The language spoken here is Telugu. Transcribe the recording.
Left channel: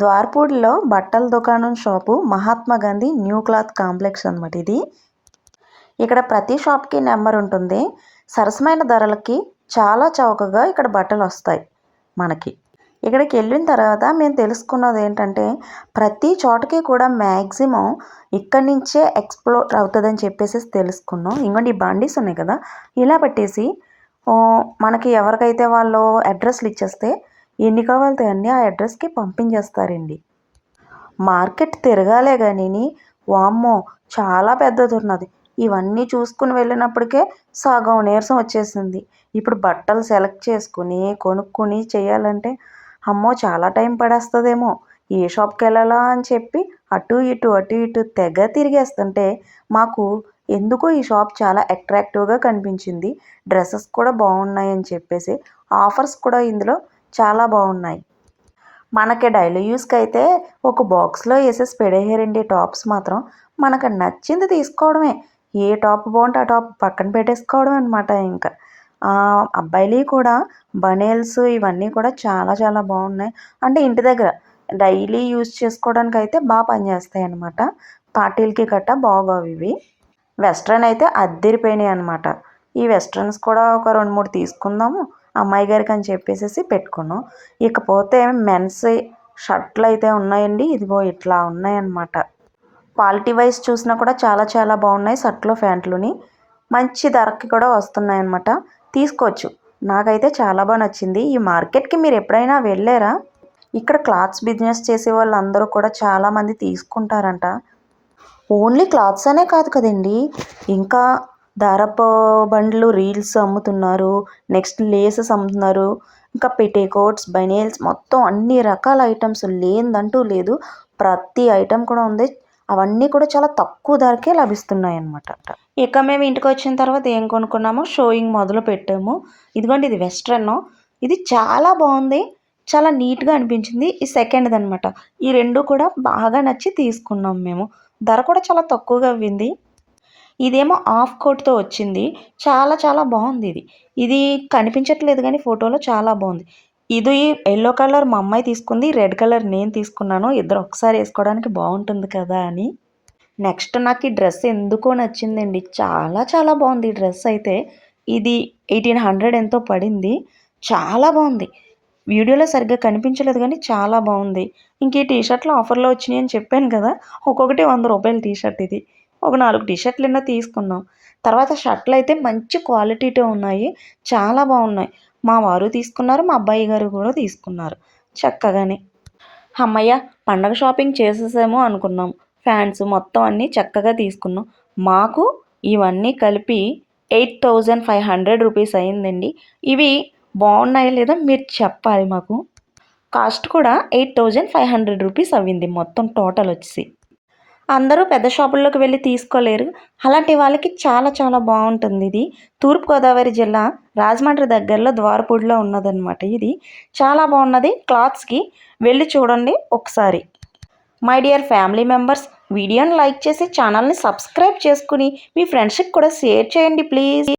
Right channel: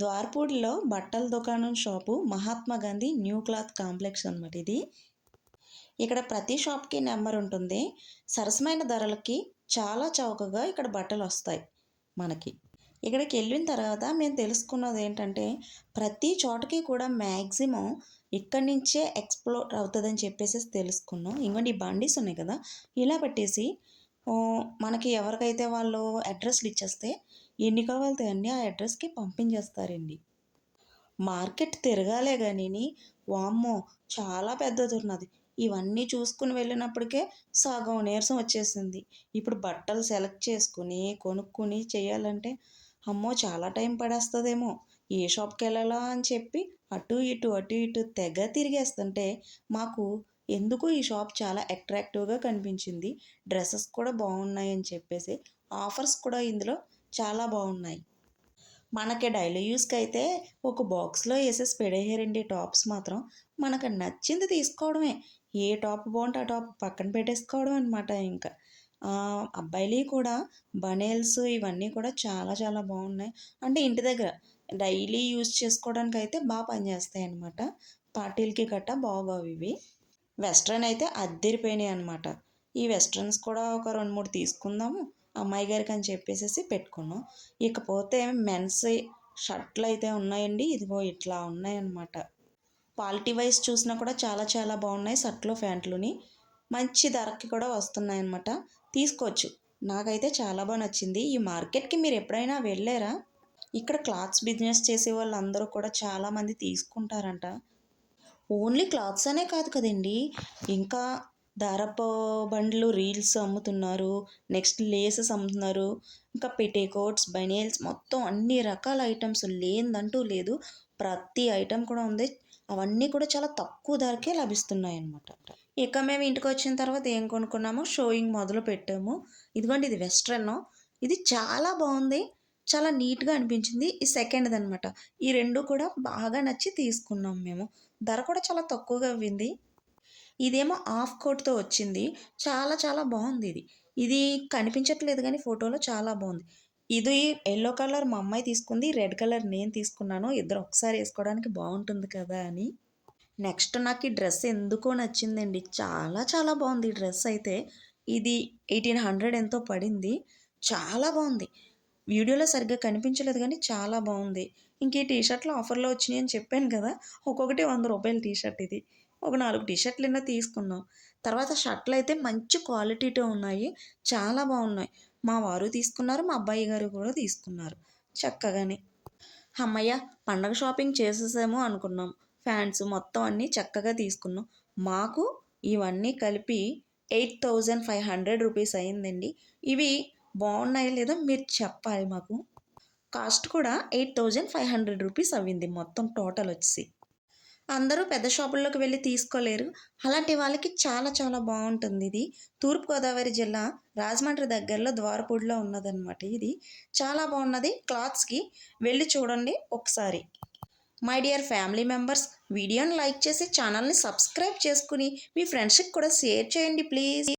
ద్వారపూడిలో బట్టల దుకాణం shop Mahatma Gandhi new cloth complex అనమాట ఇది. ఇక్కడ ప్రతి షాప్కి నెంబర్ ఉంటుంది. సరసమైన ధరలకి చాలా చౌకగా ఇక్కడ బట్టలు వస్తాయి మనకి. ఇక్కడికి వెళ్ళిన తర్వాత మేము తెలుసుకున్నది ఏంటంటే ప్రతి చోటకి కూడా మ్యాక్సిమం ఇక్కడి నుంచే ఎక్స్ప్లోర్ అవుతుందని చెప్పేసి తెలుసుకున్నాం. ఇంకోటి ఈ బండీస్ ఉన్నాయి కదా ఇలా పెట్టేసి మనకి ఎవరికైతే వాళ్ళు అడ్రస్లు ఇచ్చేస్తే ఎన్ని కావాలితే అన్నీ ఆ అడ్రస్కి పంపించేస్తారండి. మార్కెట్ తిరగాలే కానీ వామ్మో చాలా పెద్దది ఉన్నది ఇవన్నీ చూసుకుని వెళ్ళినప్పటికే సగం నీరసం వచ్చేసింది. ఇప్పుడు బట్టలు సెలెక్ట్ చేసుకుని కొనుక్కుని చేయాలంటే అమ్మో చాలా టైం పడేస్తుందేమో. ఏ షాప్కి వెళ్ళాలా అని చెప్పి అటు ఇటు అటు ఇటు తెగ తిరిగేస్తుంటే మాకు ఎందుకో ఈ షాప్ చాలా అట్రాక్టివ్గా కనిపించింది. డ్రెస్సెస్ కూడా బాగున్నాయని చెప్పేసి ఆఫర్స్ కూడా ఇందులో చాలా బాగున్నాయి. మనకి డైలీ యూస్కి అయితే ఒక బాక్స్లో వేసేసి పెడేయారండి టాప్స్ మాత్రం. మనకు నచ్చింది తీసుకోవడమే. ఏ టాప్ బాగుంటే ఆ టాప్ పక్కన పెట్టేసుకోవడం అనమాట ఇంకా. అబ్బాయిలు కూడా బనేల్స్ ఇవన్నీ కూడా చాలా చాలా బాగున్నాయి. అంటే ఇంటి దగ్గర డైలీ యూస్ చేసుకోవడానికి అయితే బాగా పనిచేస్తాయి అనమాట పార్టీలకి గట్టా బాగోవు ఇవి. వెస్ట్రన్ అయితే అద్దెరిపోయినాయి అనమాట ఈ వెస్ట్రన్స్ కూడా ఒక రెండు మూడు తీసుకుందాము. అమ్మాయి గారికి అని చెప్పేసి పెట్టుకున్నాం. ఇకపోతే మెన్స్ షర్ట్లు అయితే ఉన్నాయండి. ఇదిగో ఇట్లా ఉన్నాయన్నమాట. క్వాలిటీ వైజ్ చూసినా కూడా చాలా చాలా బాగున్నాయి షర్ట్లు ప్యాంట్లుని. మంచి ధరకి కూడా వస్తున్నాయి అన్నమాట తీసుకోవచ్చు. నాకైతే చాలా బాగా నచ్చింది. ఈ మార్కెట్కి మీరు ఎప్పుడైనా వెళ్ళారా? ఇక్కడ క్లాత్స్ బిజినెస్ చేసే వాళ్ళందరూ కూడా చాలామంది తీసుకుంటారంట. ఓన్లీ క్లాత్స్ అనే కాదు కదండి. ఇంకా దారపు బండ్లు రీల్స్ అమ్ముతున్నారు. నెక్స్ట్ లేసెస్ అమ్ముతున్నారు. ఇంకా పెట్టేకోట్స్ బనేల్స్ మొత్తం అన్ని రకాల ఐటమ్స్ లేనిదంటూ లేదు. ప్రతి ఐటమ్ కూడా ఉంది. అవన్నీ కూడా చాలా తక్కువ ధరకే లభిస్తున్నాయి అన్నమాట ఇక మేము ఇంటికి వచ్చిన తర్వాత ఏం కొనుక్కున్నామో షోయింగ్ మొదలు పెట్టాము. ఇదిగోండి ఇది వెస్ట్రన్. ఇది చాలా బాగుంది. చాలా నీట్గా అనిపించింది. ఈ సెకండ్ది అనమాట ఈ రెండు కూడా బాగా నచ్చి తీసుకున్నాం మేము. ధర కూడా చాలా తక్కువగా అవ్వింది ఇదేమో ఆఫ్ కోట్తో వచ్చింది. చాలా చాలా బాగుంది ఇది. ఇది కనిపించట్లేదు కానీ ఫోటోలో చాలా బాగుంది. ఇది ఎల్లో కలర్ మా అమ్మాయి తీసుకుంది రెడ్ కలర్ నేను తీసుకున్నాను ఇద్దరు ఒకసారి వేసుకోవడానికి బాగుంటుంది కదా అని. నెక్స్ట్ నాకు ఈ డ్రెస్ ఎందుకో నచ్చిందండి. చాలా చాలా బాగుంది ఈ డ్రెస్ అయితే. ఇది ఎయిటీన్ హండ్రెడ్ ఎంతో పడింది. చాలా బాగుంది. వీడియోలో సరిగ్గా కనిపించలేదు కానీ చాలా బాగుంది. ఇంక ఈ టీషర్ట్లు ఆఫర్లో వచ్చినాయి అని చెప్పాను కదా. ఒక్కొక్కటి వంద రూపాయల టీషర్ట్ ఇది. ఒక నాలుగు టీషర్ట్లు నిన్న తీసుకున్నాం. తర్వాత షర్ట్లు అయితే మంచి క్వాలిటీతో ఉన్నాయి. చాలా బాగున్నాయి. మా వారు తీసుకున్నారు మా అబ్బాయి గారు కూడా తీసుకున్నారు. చక్కగానే. అమ్మయ్య పండగ షాపింగ్ చేసేసాము అనుకున్నాం. ఫ్యాన్స్ మొత్తం అన్నీ చక్కగా తీసుకున్నాం. మాకు ఇవన్నీ కలిపి eight thousand five hundred rupees అయిందండి. ఇవి బాగున్నాయా లేదా మీరు చెప్పాలి మాకు. కాస్ట్ కూడా eight thousand five hundred rupees అవ్వింది మొత్తం టోటల్ వచ్చి అందరూ పెద్ద షాపుల్లోకి వెళ్ళి తీసుకోలేరు. అలాంటి వాళ్ళకి చాలా చాలా బాగుంటుంది ఇది. తూర్పుగోదావరి జిల్లా రాజమండ్రి దగ్గరలో ద్వారపూడిలో ఉన్నదన్నమాట ఇది. చాలా బాగున్నది క్లాత్స్కి. వెళ్ళి చూడండి ఒకసారి. మై డియర్ ఫ్యామిలీ మెంబర్స్ వీడియోని లైక్ చేసి ఛానల్ని సబ్స్క్రైబ్ చేసుకుని మీ ఫ్రెండ్స్కి కూడా షేర్ చేయండి ప్లీజ్.